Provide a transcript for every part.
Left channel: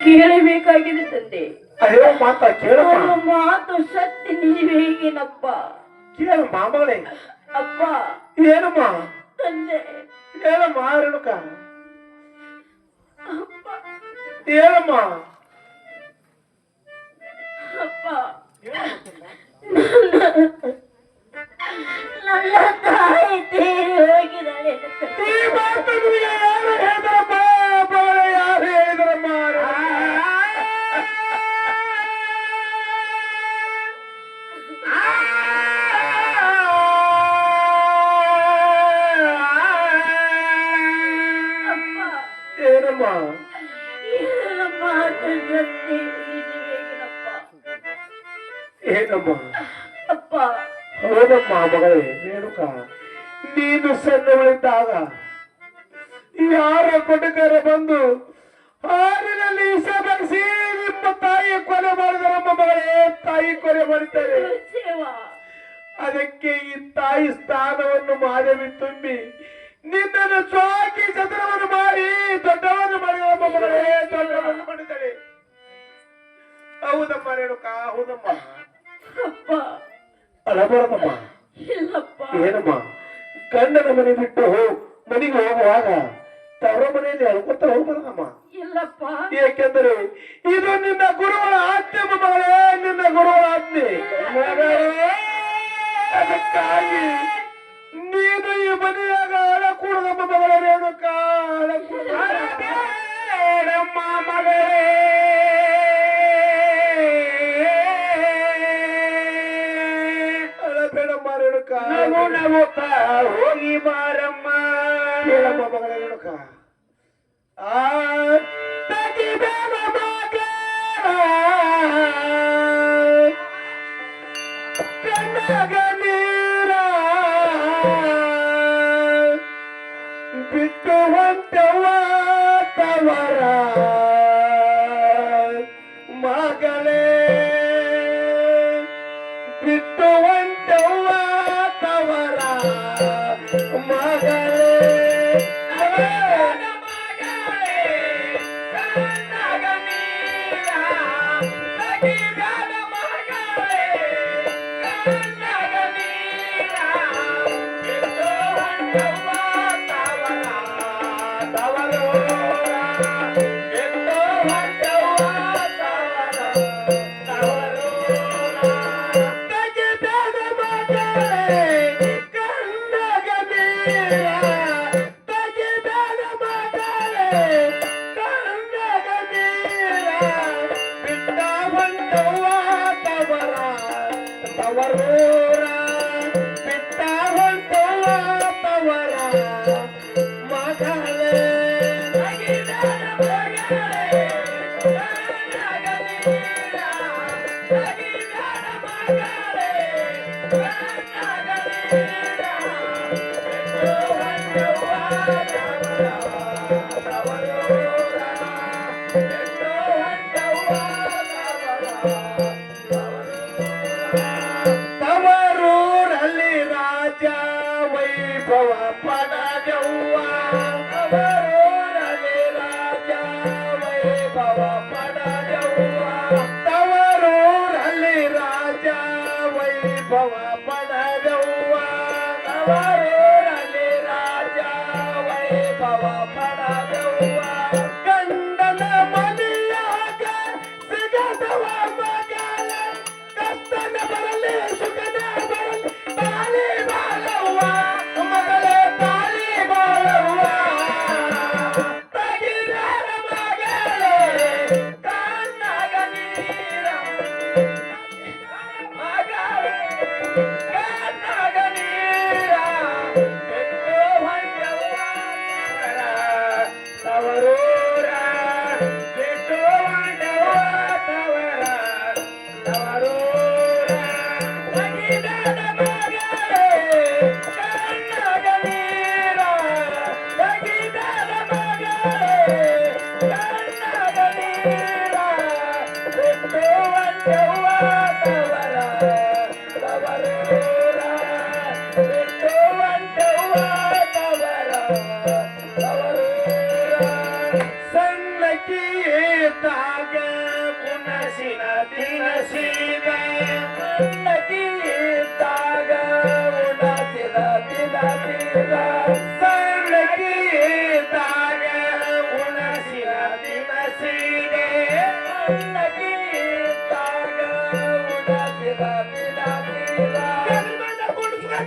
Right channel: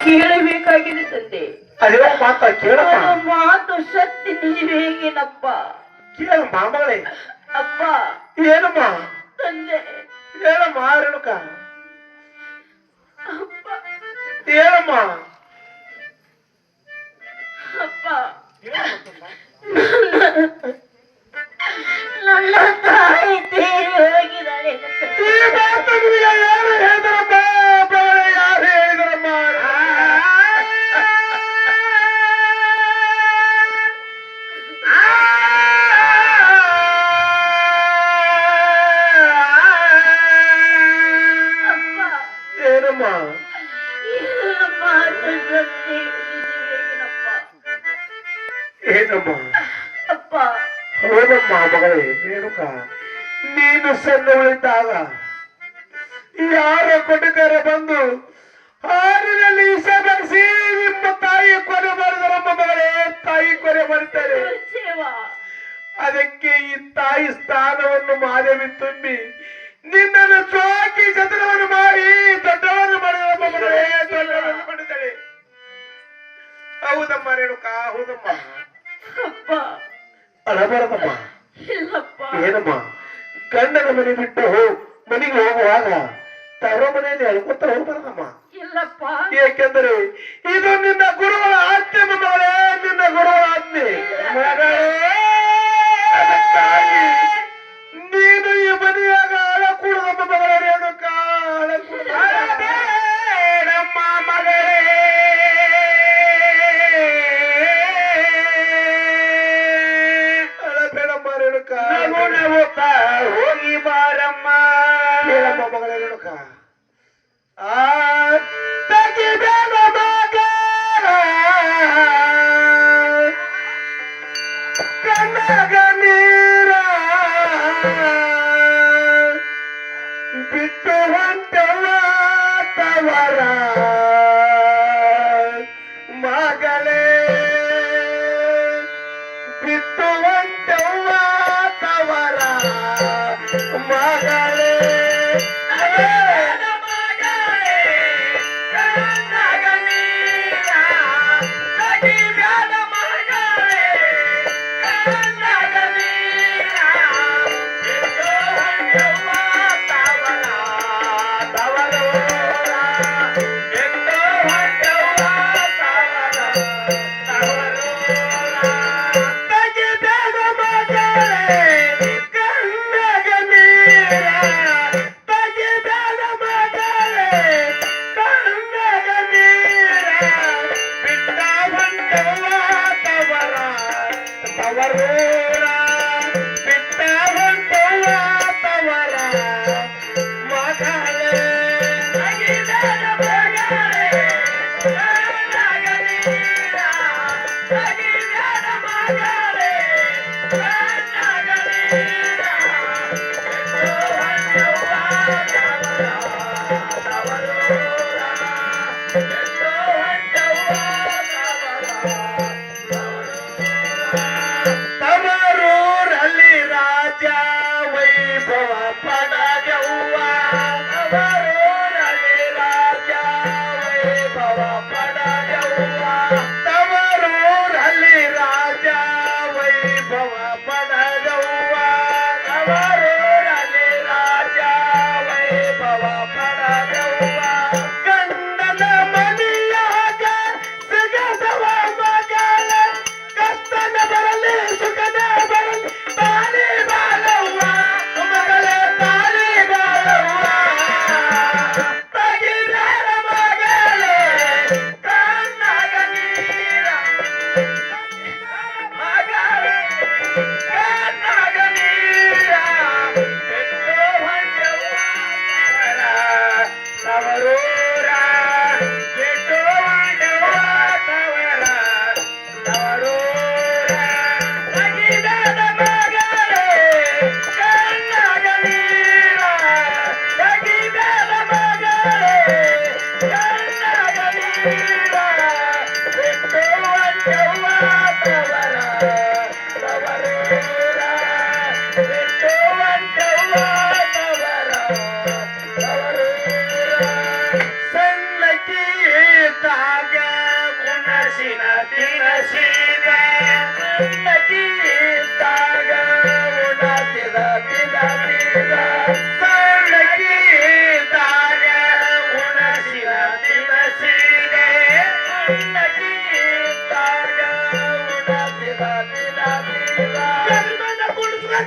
ಕೇಳಬೇಕಾಗಿದೆ ತಂದೆ. ಅದೇ ಮಾತ ಕೇಳಮ್ಮ ಮಾತು ಶಕ್ತಿ ನೀವೇಗೇನಪ್ಪ ಕೇಳಮ್ಮ ಮಗಳೇ ಅಪ್ಪ. ಏನಮ್ಮ? ತಂದೆ. ಹೇಳಮ್ಮ ರೇಣುಕ ಹೇಳಮ್ಮ ಅಪ್ಪ. ನನ್ನ ತಾಯಿ ಏನಮ್ಮ? ಅಪ್ಪ. ಹೌದಮ್ಮ ಮಗಳೇ ರೇಣುಕ ನೀನು ಸಣ್ಣವಳಿದ್ದಾಗ ಯಾರ ಕೊಟ್ಟಿದ್ದಾರೆ ಬಂದು ಹಾರಿನಲ್ಲಿ ವಿಷ ಬೆರೆಸಿ ನಿಮ್ಮ ತಾಯಿ ಕೊಲೆ ಮಾಡಿದರಮ್ಮ ಮಗಳೇ ತಾಯಿ ಕೊಲೆ ಮಾಡ್ತಾರೆ ಅದಕ್ಕೆ ಈ ತಾಯಿ ಸ್ಥಾನವನ್ನು ಮಾದೇವಿ ತುಂಬಿ ನಿನ್ನನ್ನು ಚೋಕಿ ಚತುರವನ್ನು ಮಾಡಿ ದೊಡ್ಡವನ್ನು ಮಾಡಿದರಮ್ಮ ಮಗಳೇ ದೊಡ್ಡವನ್ನು ಹೌದಮ್ಮ ರೇಣುಕ ಹೌದಮ್ಮ. ಅಪ್ಪ. ಅಳಬಾರದಮ್ಮ ಇಲ್ಲಪ್ಪ. ಏನಮ್ಮ? ಗಂಡನ ಮನೆ ಬಿಟ್ಟು ಹೋಗ್ ಮನೆಗೆ ಹೋಗುವಾಗ ತವರ ಮನೆಯಲ್ಲಿ ಅಳ್ಕೊತ ಹೋಗ್ಬಾರದಮ್ಮ. ಇಲ್ಲಪ್ಪ. ಏಕೆಂದರೆ ಇದು ನಿನ್ನ ಗುರುಗಳ ಆಜ್ಞೆ ಮಗಳೇ ನಿನ್ನ ಗುರುಗಳ ಆಜ್ಞೆ. ಅದಕ್ಕಾಗಿ ನೀನು ಈ ಮನೆಯಾಗ ಅಳಕೂಡದಮ್ಮ ಮಗಳೇ ರೇಣುಕ. ಹೋಗಿ ಬಾರಮ್ಮ ಕೇಳಮ್ಮ ಮಗಳೇ ನೋಡಕ ಆ ತೆಗಿಬೇಡ Gracias. umbrella.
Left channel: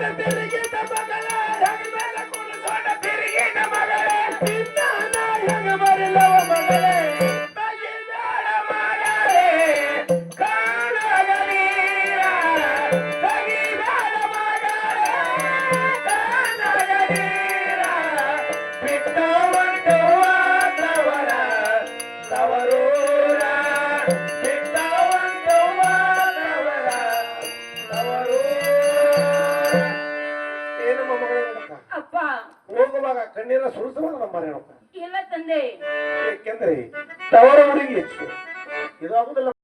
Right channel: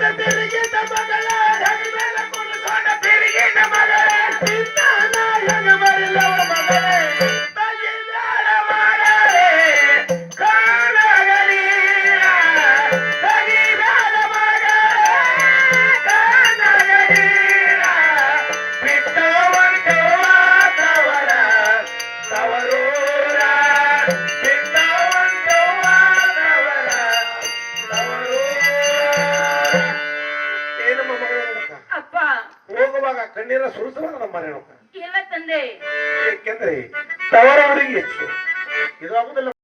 Let ಇರುವಾಗ ಕಣ್ಣೀರ ಸುರಿಸುವಾಗ ನಮ್ಮ ಮನೆ ಇಲ್ಲ ತಂದೆ. ತವರವರಿಗೆ ಹೆಚ್ಚು. ಇದು ಆಗುದಿಲ್ಲ